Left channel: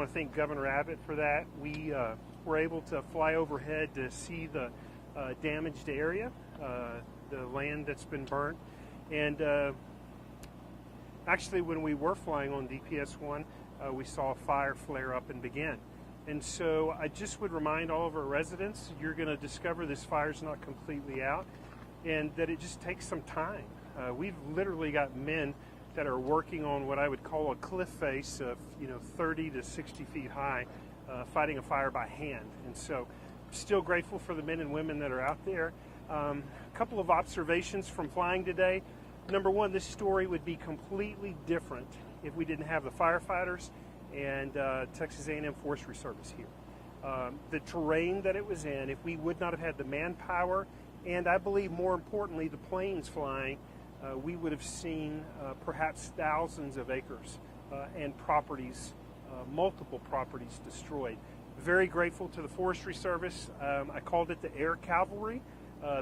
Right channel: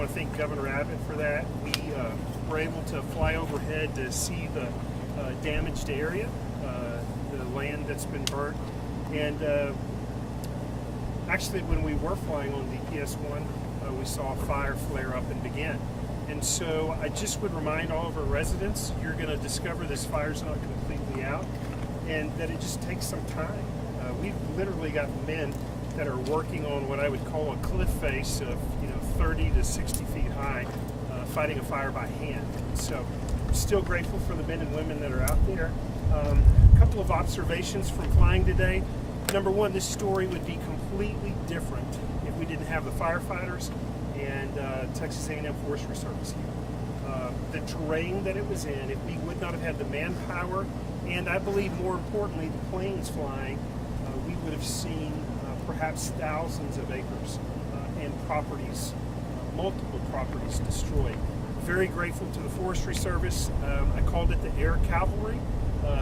want to thank Governor Abbott for that. We were able to fly overhead to see the damaged area, the land that's been burnt. And actually, when we were flying on DPS-1, we saw a fire flare up and begin. And so I just would remind all of our residents, you're going to discover this fire's not completely out and that it just takes some time. We've literally got men that are working on what I would call a cliff face of 30 to 60 feet high, fighting a fire by hand. And so I'm still grateful for the men and women that are out there. A couple of observations from flying today. Number one, this story would be completely different if we didn't have the firefighters and Texas A&M Forestry Service here. The terrain that it was in, if we would not have had the manpower, and I believe more importantly the planes flying, we would have seen perhaps thousands of acres and properties, multiple properties destroyed. Very grateful to the Forestry Service. I called it the Air Cavalry,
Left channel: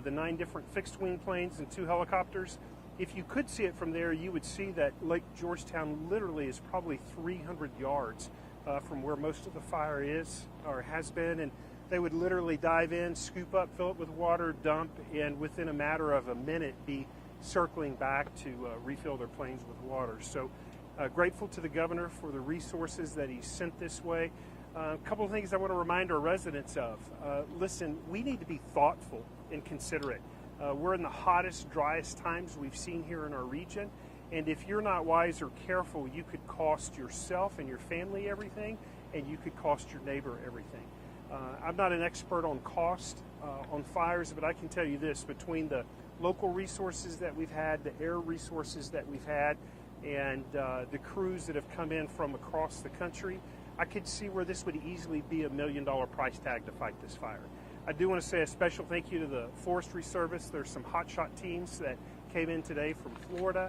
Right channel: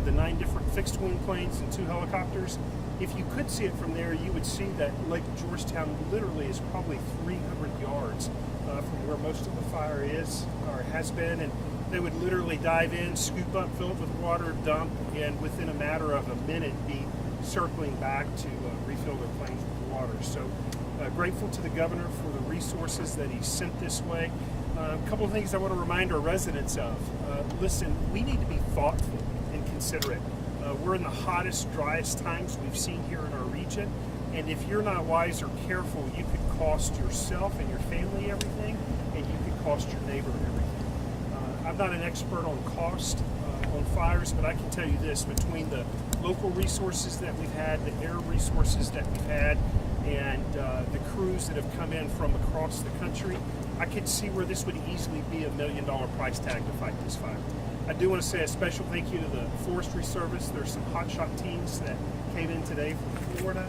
the 9 different fixed wing planes and 2 helicopters. If you could see it from there, you would see that Lake Georgetown literally is probably 300 yards from where most of the fire is or has been, and they would literally dive in, scoop up, fill it with water, dump, and within a matter of a minute be circling back to refill their planes with water. So grateful to the governor for the resources that he sent this way. A couple of things I want to remind our residents of. Listen, we need to be thoughtful and considerate. We're in the hottest, driest times we've seen here in our region, and if you're not wise or careful, you could cost yourself and your family everything, and you could cost your neighbor everything. I'm not an expert on cost on fires, but I can tell you this, between the local resources that we've had, the air resources that we've had, and the crews that have come in from across the country, I could see where this would easily be $1 million price tag to fight this fire. I do want to say a special thank you to the Forestry Service. There's some hotshot teams that came in today from Florida,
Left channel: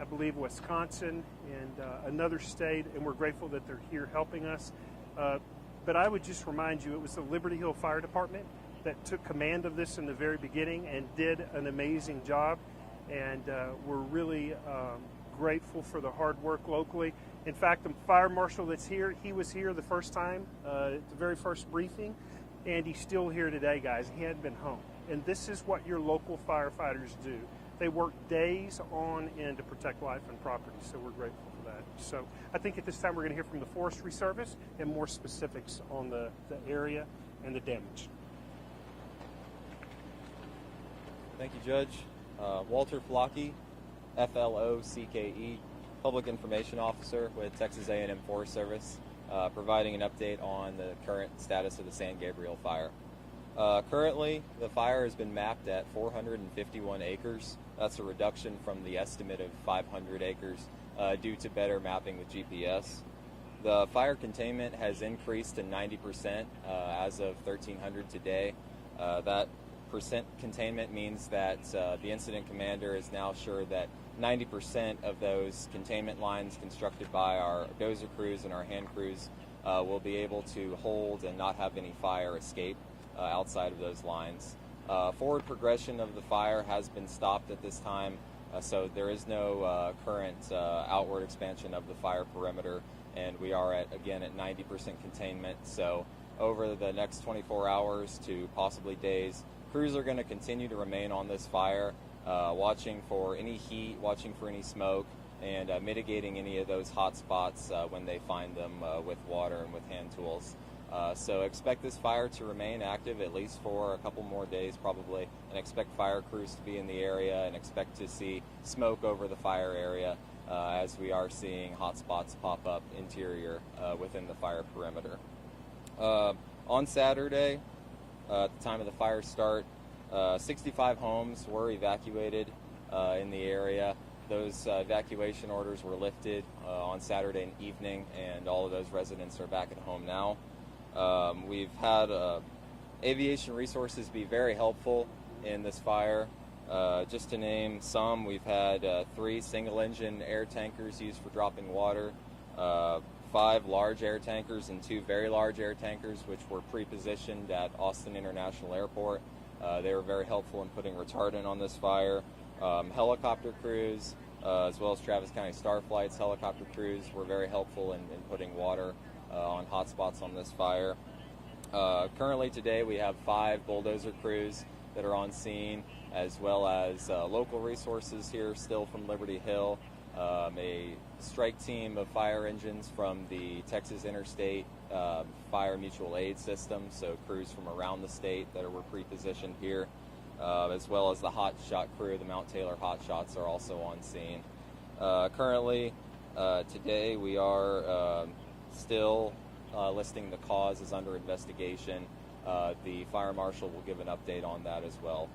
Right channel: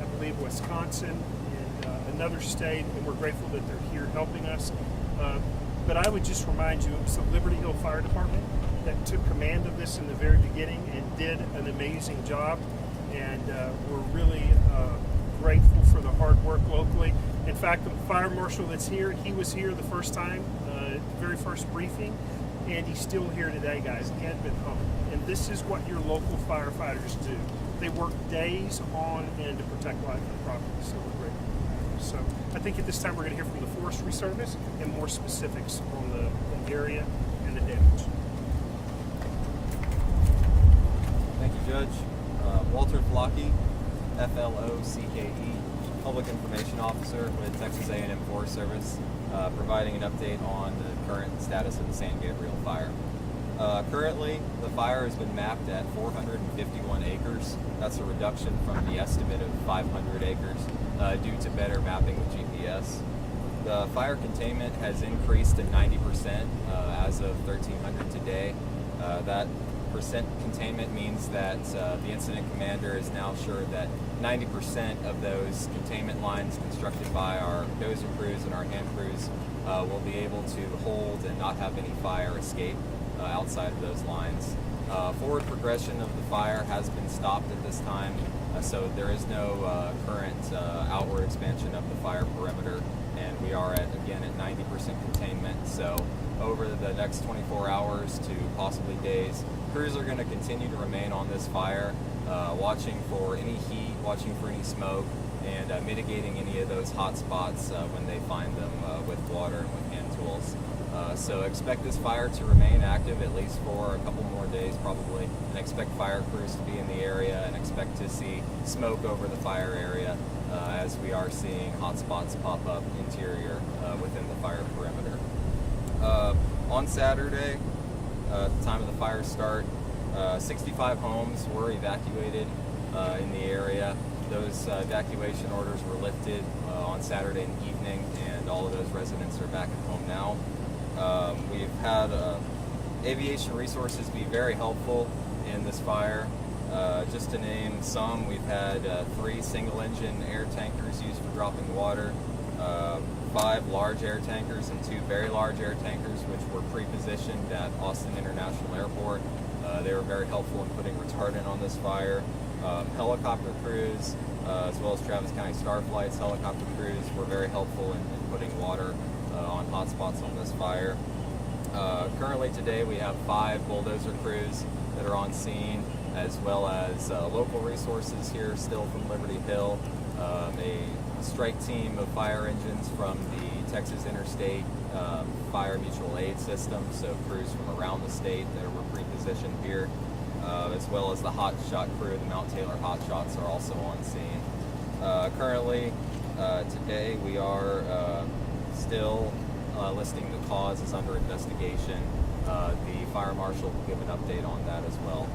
I believe Wisconsin, and another state, and we're grateful that they're here helping us. But I would just remind you, it was the Liberty Hill Fire Department that took command of this in the very beginning and did an amazing job, and we're really grateful for the hard work locally. In fact, the fire marshal that's here, he was here the first time, the very first briefing, and he's still here today, guys. He hadn't been home. And this is what your local firefighters do. They work days on end to protect life and property, so we're grateful for that. So I think at this time we're going to hear from the Forestry Service and more specifics on the area and the damage. Thank you, Judge. Walter Flockey, FLOCKE, Public Information Officer with Texas A&M Forest Service, providing an update on the current status of the San Gabriel fire. Currently, the fire has been mapped at 451 acres. That's a reduction from the estimate of 500 acres due to better mapping with GPS. The fire containment has increased to 90% as of 1300 today. That percent containment means that the incident commander is now sure that 90% of those containment lines constructed by our dozer crews and our hand crews will be able to hold and not have any fire escape outside of those lines. Forward progression of the fire has been stopped at this time, so there is no current outward expansion of the fire perimeter, and we are again at 90% containment. So over the next 24 hours to possibly days, crews are going to continue to remain on this fire, watching for any heat, watching for any smoke, and mitigating any of those hot spots when they find them with water and with hand tools. So expect this fire to remain active at least for a couple more days probably, and expect fire crews to be in the area, and expect to see smoke over the fire area as we are seeing hot spots pop up interior within the fire perimeter. On Saturday, at the time of the fire start, 65 homes were evacuated in the area. Those evacuation orders were lifted on Saturday evening, and all of those residents are back at home now. We've had Aviation Resources be very helpful in this fire. Just to name some, we've had 3 single-engine air tankers used for dropping water, 5 large air tankers and 2 very large air tankers, which were pre-positioned at Austin International Airport. They were very helpful in putting retardant on this fire. Helicopter crews, as well as Travis County Starflight's helicopter crews, were very helpful in putting water on hot hotspots on this fire. Currently today we have 5 bulldozer crews that are on scene, as well as local resources here still from Liberty Hill, a strike team of fire engines from the Texas Interstate Fire Mutual Aid System, so crews from around the state that were pre-positioned here, as well as the hot shot crew, the Mount Taylor hot shots are also on scene. Currently, today we are still listing the cause is under investigation. The fire marshal will give an update on that as well.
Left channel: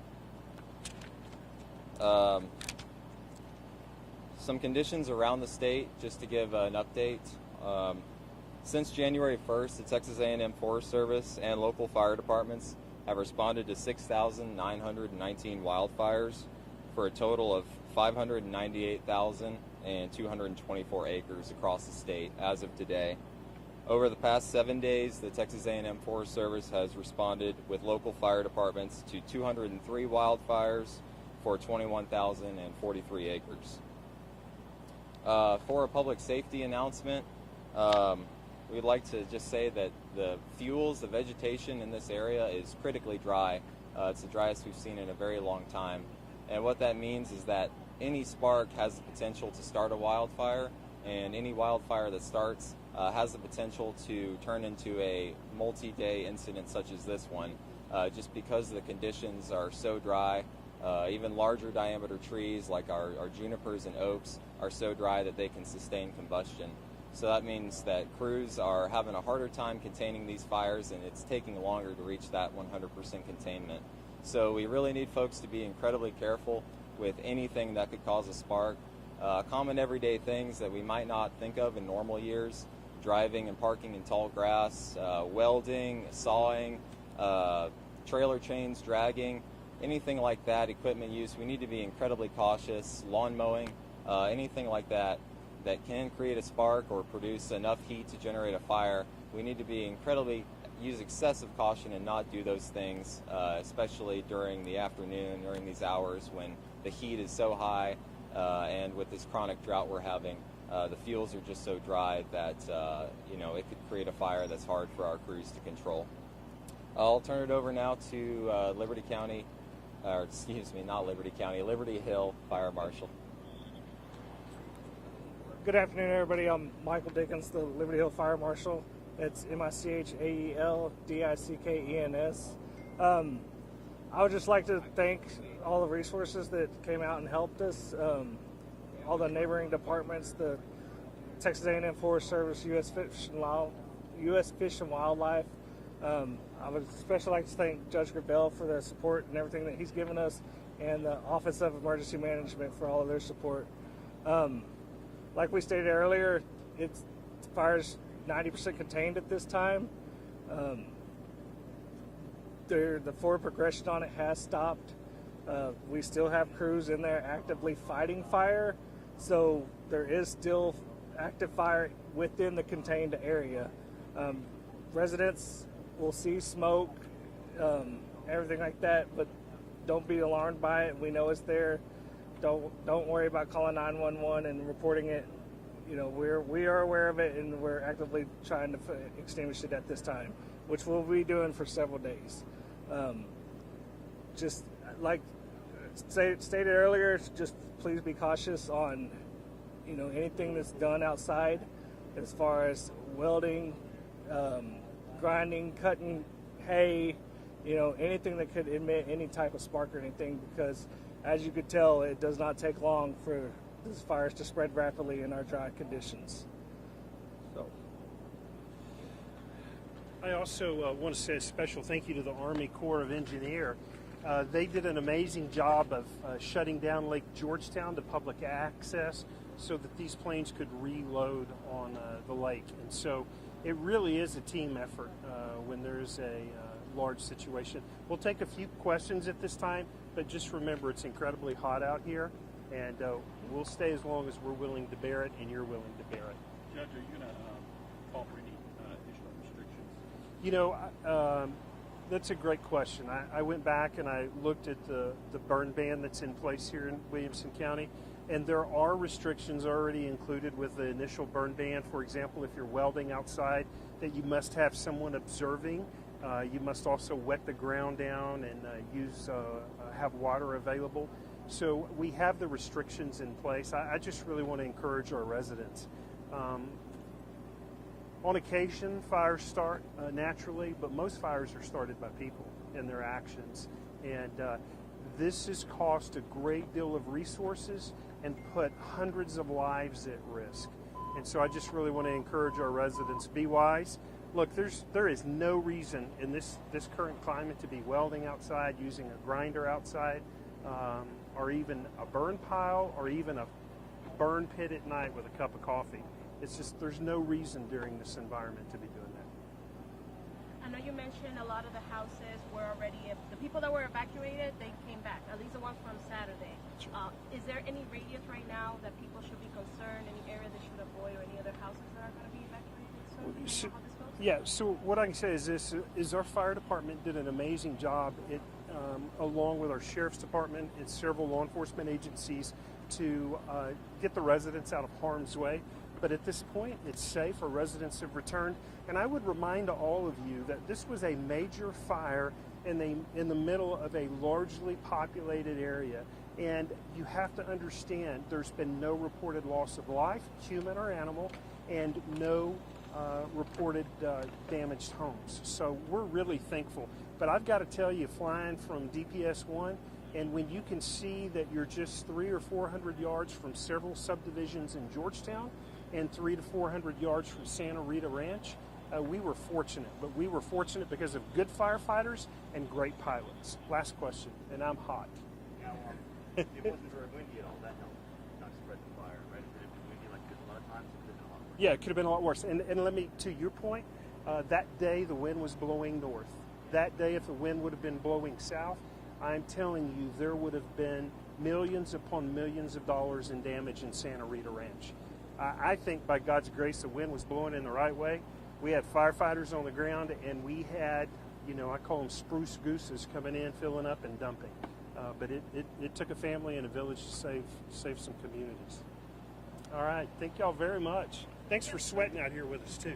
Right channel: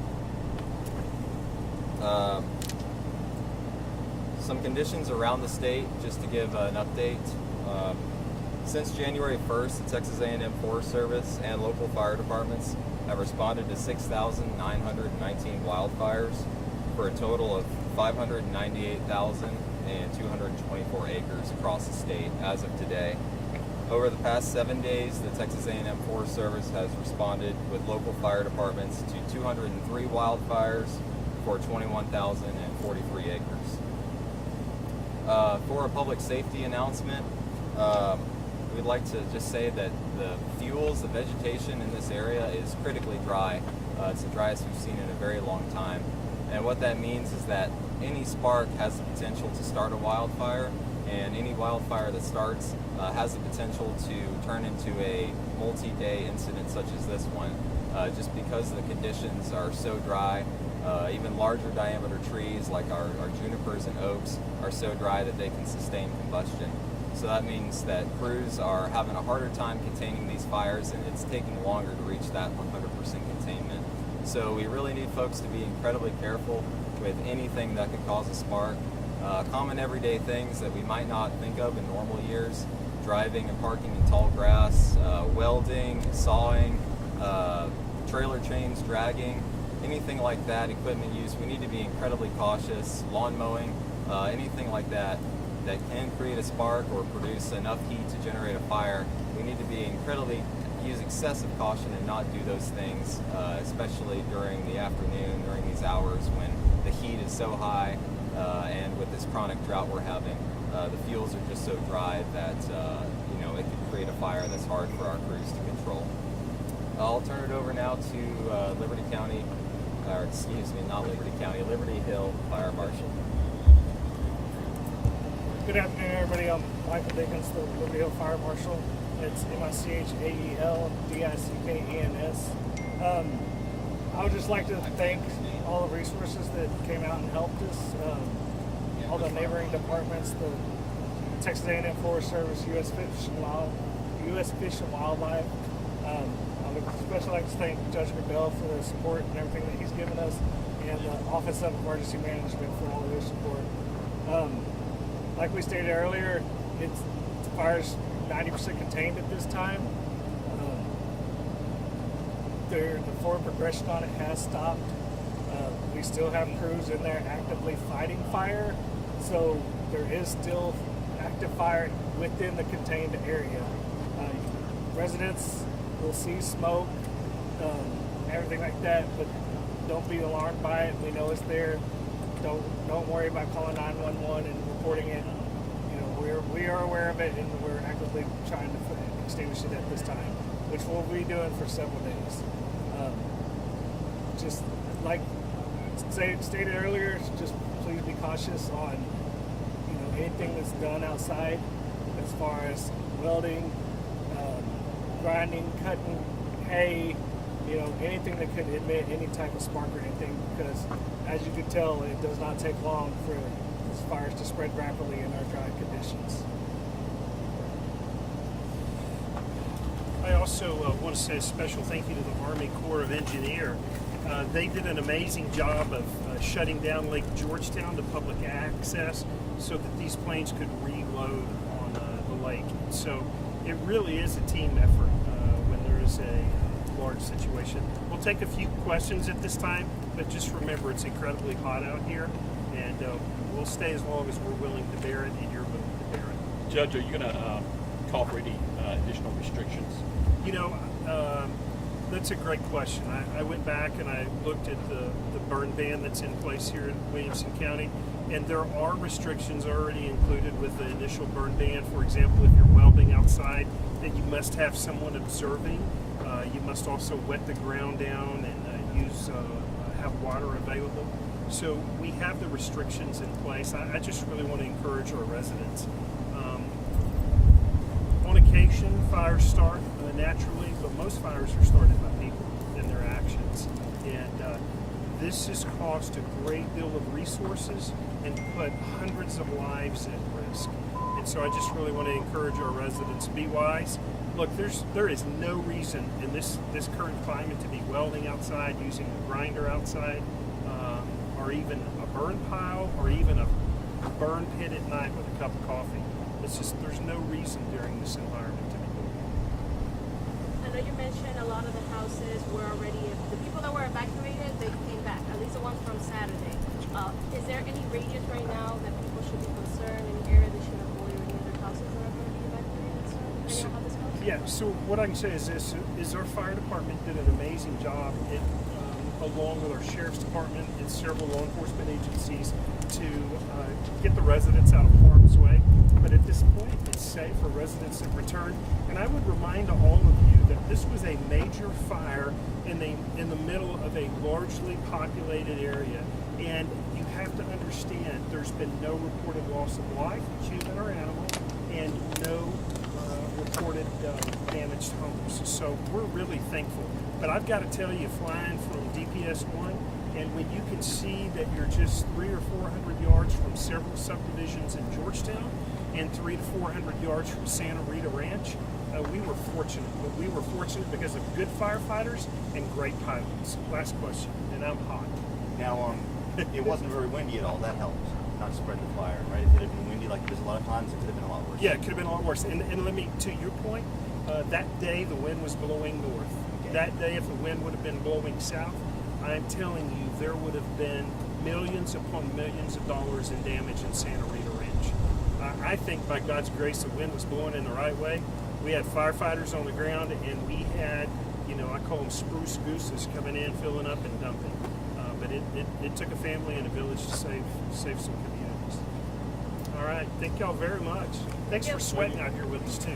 Some conditions around the state, just to give an update. Since January 1st, the Texas A&M Forest Service and local fire departments have responded to 6,919 wildfires for a total of 598,224 acres across the state as of today. Over the past 7 days, the Texas A&M Forest Service has responded with local fire departments to 203 wildfires for 21,043 acres. For a public safety announcement, we'd like to just say that the vegetation in this area is critically dry. It's the driest we've seen in a very long time. And what that means is that any spark has the potential to start a wildfire, and any wildfire that starts has the potential to turn into a multi-day incident such as this one, just because the conditions are so dry. Even larger diameter trees like our junipers and oaks are so dry that they can sustain combustion. So that means that crews are having a harder time containing these fires, and it's taking longer to reach that 100% containment. So we really need folks to be incredibly careful with anything that could cause a spark. Common everyday things that we might not think of in normal years: driving and parking in tall grass, welding, sawing, trailer chains dragging, anything like that, equipment use. We need to be incredibly cautious. Lawn mowing, anything like that that can create a spark or produce enough heat to generate a fire. We need to be use excessive caution and not do those things, especially during the afternoon, during these hours when the heat is so high, and with this chronic drought we're having, the fuels are just so dry that it could create a fire that's hard for our crews to control. I'll turn it over now to Liberty County, or excuse me, not Liberty County, Liberty Hill Fire Marshal. Good afternoon, everybody. I'm Michael Dickens, the Liberty Hill Fire Marshal. It's MICHAELDICKENS. I would just like to thank all the resources that came out and helped us, all the neighboring departments, the Texas A&M Forest Service, U.S. Fish and Wildlife. I would especially like to thank Judge Gabriel for their support and everything that he's given us, and the Office of Emergency Management for all of their support. Like we stated earlier, the fire's 90% contained at this time. The forward progression on it has stopped. We still have crews in there actively fighting fire, so there is still active fire within the contained area. Residents will see smoke, everything like that, but don't be alarmed by it. We know it's there. Don't worry about calling 911 and reporting it. We are aware of it, and we're actively trying to extinguish it at this time, which we'll be doing for several days. Just like stated earlier, just please be cautious on anything that's done outside, as far as welding, grinding, cutting hay, anything that could emit any type of spark or anything, because as you can tell, it does not take long for these fires to spread rapidly in our dry conditions. I also want to say a special thank you to the Army Corps of Engineers. They did an amazing job of shutting down Lake Georgetown to public access so that these planes could reload on the lake. So it really is a team effort when there is a large situation. We'll take a few questions at this time, but just remember it's incredibly hot out here, and we'll stay as long as we're willing to bear it and you're willing to bear it. Judge, are you going to call for any additional restrictions? That's a great question. I went back and I looked at the burn ban that's in place here in Williamson County, and there are restrictions already included with the initial burn ban. For example, if you're welding outside you must have someone observing. You must also wet the ground down and have water available. So we have the restrictions in place. I just really want to encourage our residents. On occasion, fires start naturally, but most fires are started by people and their actions. And this has cost a great deal of resources and put hundreds of lives at risk. And so I just really want to encourage our residents, be wise. Look, there is no reason in this current climate to be welding outside, using a grinder outside, or even a burn pile, or even a burn pit at night with a cup of coffee. It's just, there's no reason during this environment to be doing that. I know you mentioned a lot of the houses were already, the people that were evacuated, they came back, at least the one from Saturday. Is there any regions right now that people should be concerned, any area they should avoid, or any other houses that are going to be evacuated? So, do you know how this goes? Yeah, so what I can say is this, is our fire department did an amazing job, along with our sheriff's department and several law enforcement agencies, to get the residents out of harm's way. But at this point, it's safe for residents to return. And I would remind all of you that this was a major fire in the middle of a largely populated area. And you have to understand, there's been no reported loss of life, human or animal, and no reported damaged homes. So we're really thankful. But I've got to tell you, flying from DPS 1, and when you can see that you're just 300 or 400 yards from several subdivisions in Georgetown, and 300 to 400 yards from Santa Rita Ranch, we were fortunate. But we were fortunate because of good firefighters and great pilots. Last question, and I'm hot. Now, it wasn't very windy at all. That helped not spread the fire, right? If it had been windy like this a lot of times, it could have been a lot worse. Yeah, it could have been a lot worse. And let me, to your point, that day the wind was blowing north. Okay. That That day, if the wind would have been blowing south, I'm telling you, there would have been millions upon millions of dollars in damage in Santa Rita Ranch. I think by God's grace, the wind was blowing in the right way. We had firefighters on the ground, and we had, I call them spruce gooses coming in, filling up and dumping. But it took a family and a village to save some communities. All right, thank y'all very much. Thanks for sweating out here with us too.